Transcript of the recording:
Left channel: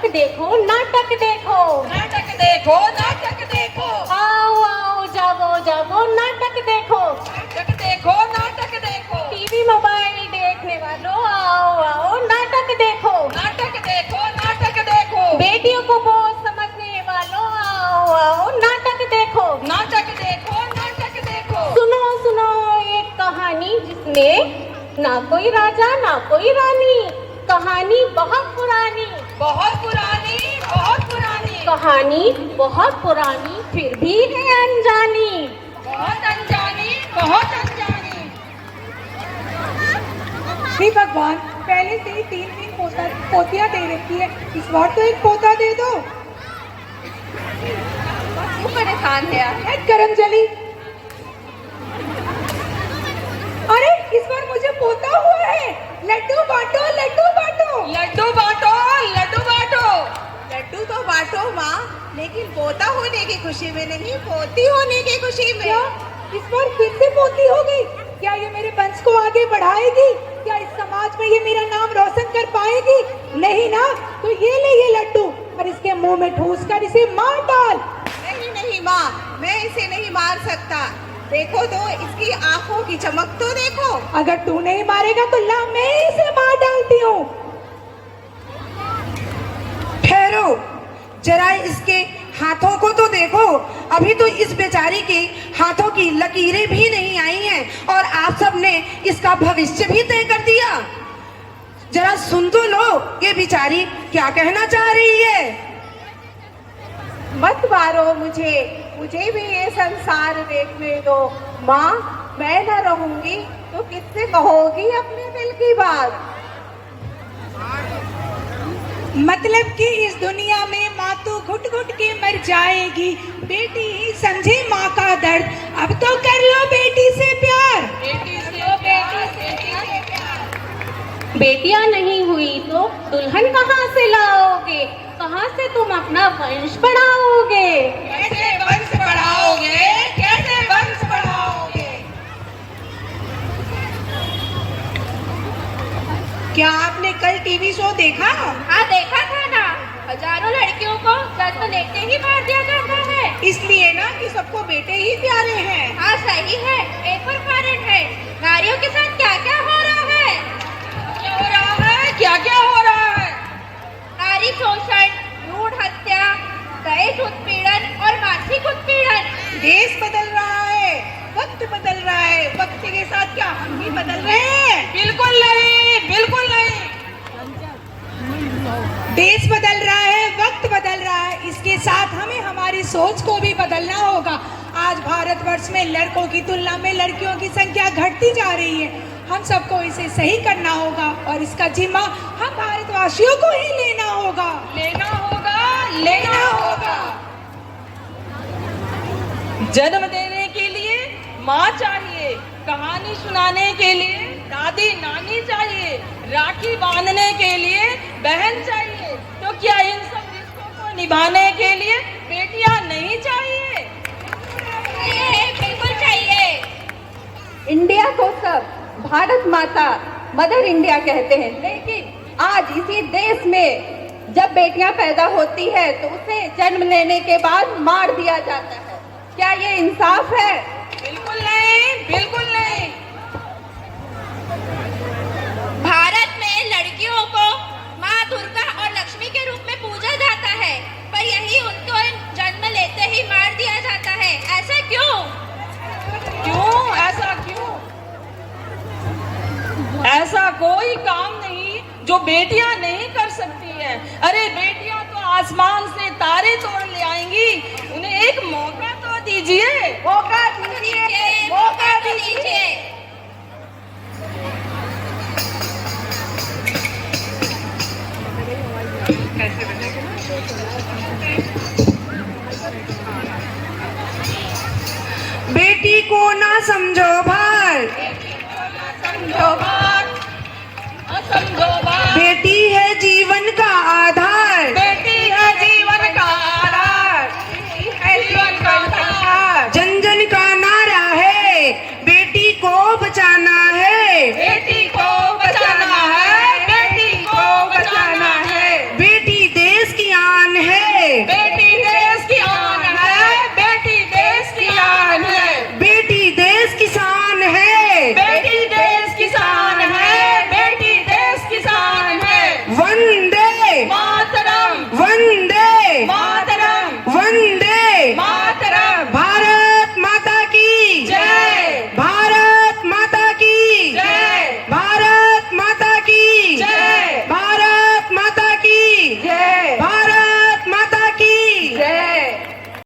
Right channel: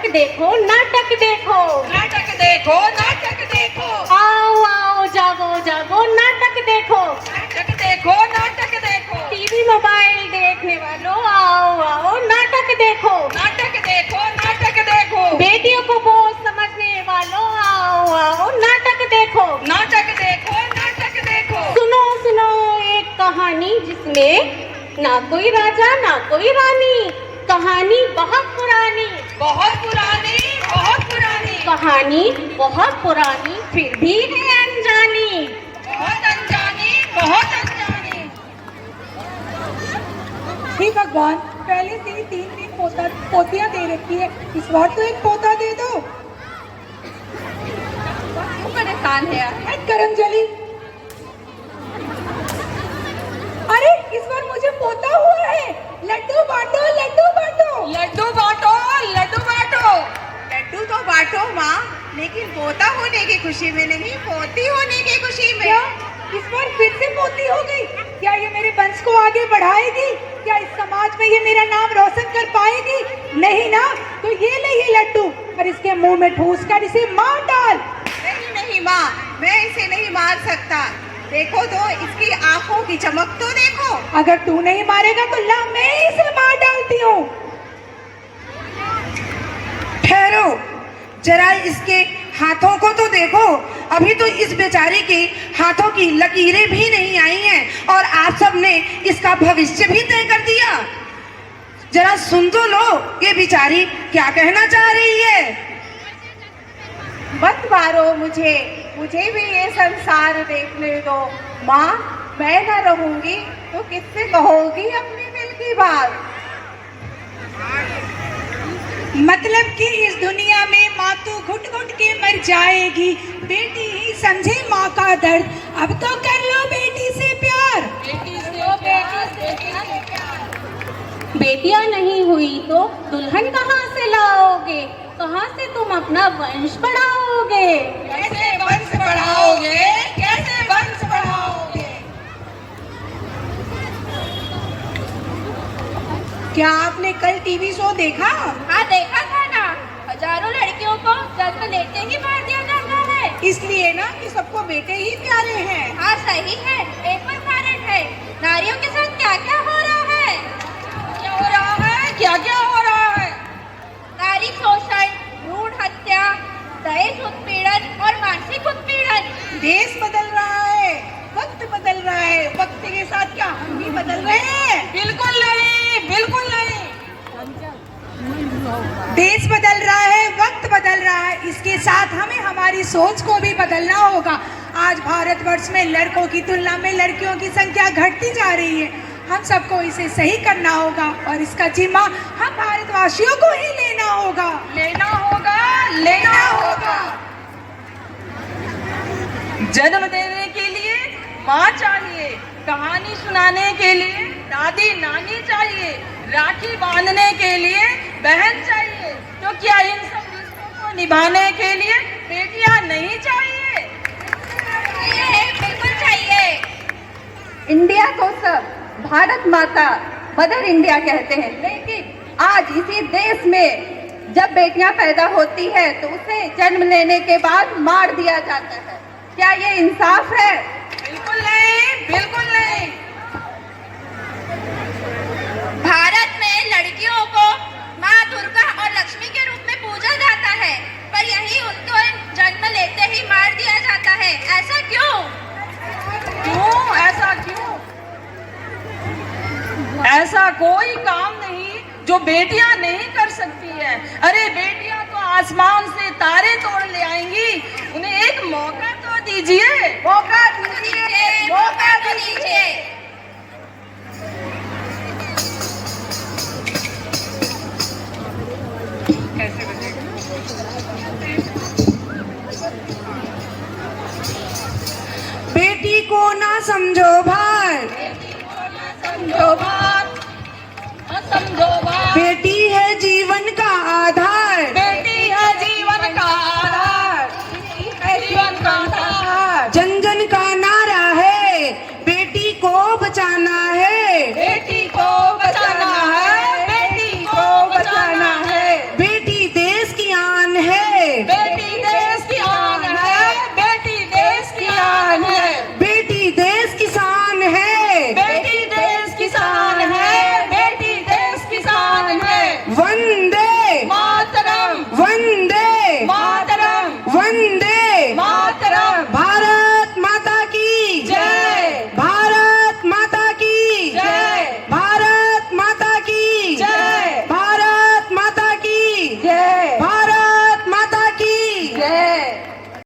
नाटक देखो, नाटक देखो, नाटक देखो, नाटक देखो। आओ आओ जागो जागो, नाटक देखो, नाटक देखो, नाटक देखो। टीवी मोबाइल देखने वालों आओ आओ, नाटक देखो, नाटक देखो, नाटक देखो। बेटियों को बोझ समझने वालों आओ आओ, नाटक देखो, नाटक देखो, नाटक देखो। सुनो सुनो एक कहानी जिसमें ना कोई राजा ना कोई रानी, कहानी बहुत पुरानी, बहुत पुरानी, बहुत पुरानी। कहानी बहुत पुरानी फिर भी है अनजानी, बहुत अनजानी, बहुत अनजानी। हे भगवान, पहले से ही 3 पोतियां दे रखी है, इस बार तो एक पोता दे दो। क्यों परेशान है? करमजली, अरे इस बार मुझे पोता हुआ है। लड्डू बांटो, लड्डू बांटो। लड्डू बांटो, लड्डू बांटो। लड्डू तो बांटो माँ, लेकिन पोता होने की खुशी में नहीं, पोती होने की खुशी में। क्या इस बार फिर से पोती हो गई? क्या ये मेरे वंश को आगे बढ़ाएगी? क्या इस समाज में ये मेरा नाम रोशन कर पाएगी? नहीं ना, तो ये ले ये लड्डू और इसके मुंह में ठूस कर इसे मार डाल। नहीं नहीं माँ, मैं इसे नहीं मार सकता। देखो तो इसकी आंखों की चमक तो देखो। अगर तू नहीं मारेगा तो ला मैं इसे मार डालती हूँ। ठहरो, जरा इसके हाथों को तो देखो। अभी तो इस बेचारे के हाथों की लकीरें भी नहीं आई हैं और आप सब ने इसका भविष्य भी तय कर दिया। जरा सुन तो लो, ये बेचारी क्या कहना चाह रही है। मत मारो मुझे, मुझे भी ये संसार देखने दो। माँ, मैं न रहूंगी तो किससे कहोगी अपने दिल की बात? मतलब कि इस दुनिया में माँ तो घुट घुट के मर जाएगी, बेटी ही समझे माँ का दर्द। अब तो कर लो बेटी से प्यार। बेटियां नहीं हुई तो दुल्हन कहाँ से लाओगे, कहाँ से तुम अपना वंश बढ़ाओगे? कैसे वंश बढ़ाओगे, कैसे वंश बढ़ाओगे? क्या आपने कल टीवी शो देखा? हाँ देखा था ना, हजारों लड़कियों को जन्म लेते ही मार दिया जाता है। इसलिए ना कि सबको बेटे ही प्यारे हैं। हाँ सही है, एक और कारण है, नारियों के साथ क्या क्या हो रहा है। क्या हो रहा है, क्या क्या हो रहा है? नारी शोषण, भ्रूण हत्या, दहेज उत्पीड़न और मानसिक उत्पीड़न। देश बदल रहा है, वक्त बदल रहा है, वक्त के साथ क्या हम भी बदल रहे हैं? बिल्कुल नहीं, बिल्कुल नहीं। देश बदल रहा है, वक्त बदल रहा है, इसके साथ हमें हमारी सोच को भी बदलना होगा। आज भारतवर्ष में लड़कों की तुलना में लड़कियों की संख्या घटती जा रही है। हम सबको इसे सही करना होगा और इसका जिम्मा हम भारतवासियों को ही लेना होगा। लेना होगा, लेना होगा। जन्म देने के लिए माँ चाहिए, कहानी सुनाने के लिए दादी नानी चाहिए, राखी बांधने के लिए बहन चाहिए। तो क्या इन सब रिश्तों को निभाने के लिए बेटियां नहीं चाहिए? बिल्कुल चाहिए। इंडिया को सब भारत माता मदर इंडिया कहते हैं, लेकिन आज इसी देश में जब बेटियां पैदा होती है तो उसे जन्म लेने के बाद मार दिया जाता है। क्या ये इंसाफ है? बिल्कुल नहीं, बिल्कुल नहीं। भारत में लड़कियों को माँ दुर्गा और लक्ष्मी के रूप में पूजा जाता है, पर यही उनको जन्म लेते ही मार दिया जाता है। ऐसा क्यों? क्यों ऐसा क्यों? ऐसा कोई काम नहीं जो बेटियां नहीं कर सकती है। अरे बेटियां तो आसमान से तारे तोड़ ले आएंगी, उन्हें एक मौका तो दीजिए। मौका दीजिए, मौका दीजिए। बेटी को ना समझो भाई, समझो बात, समझो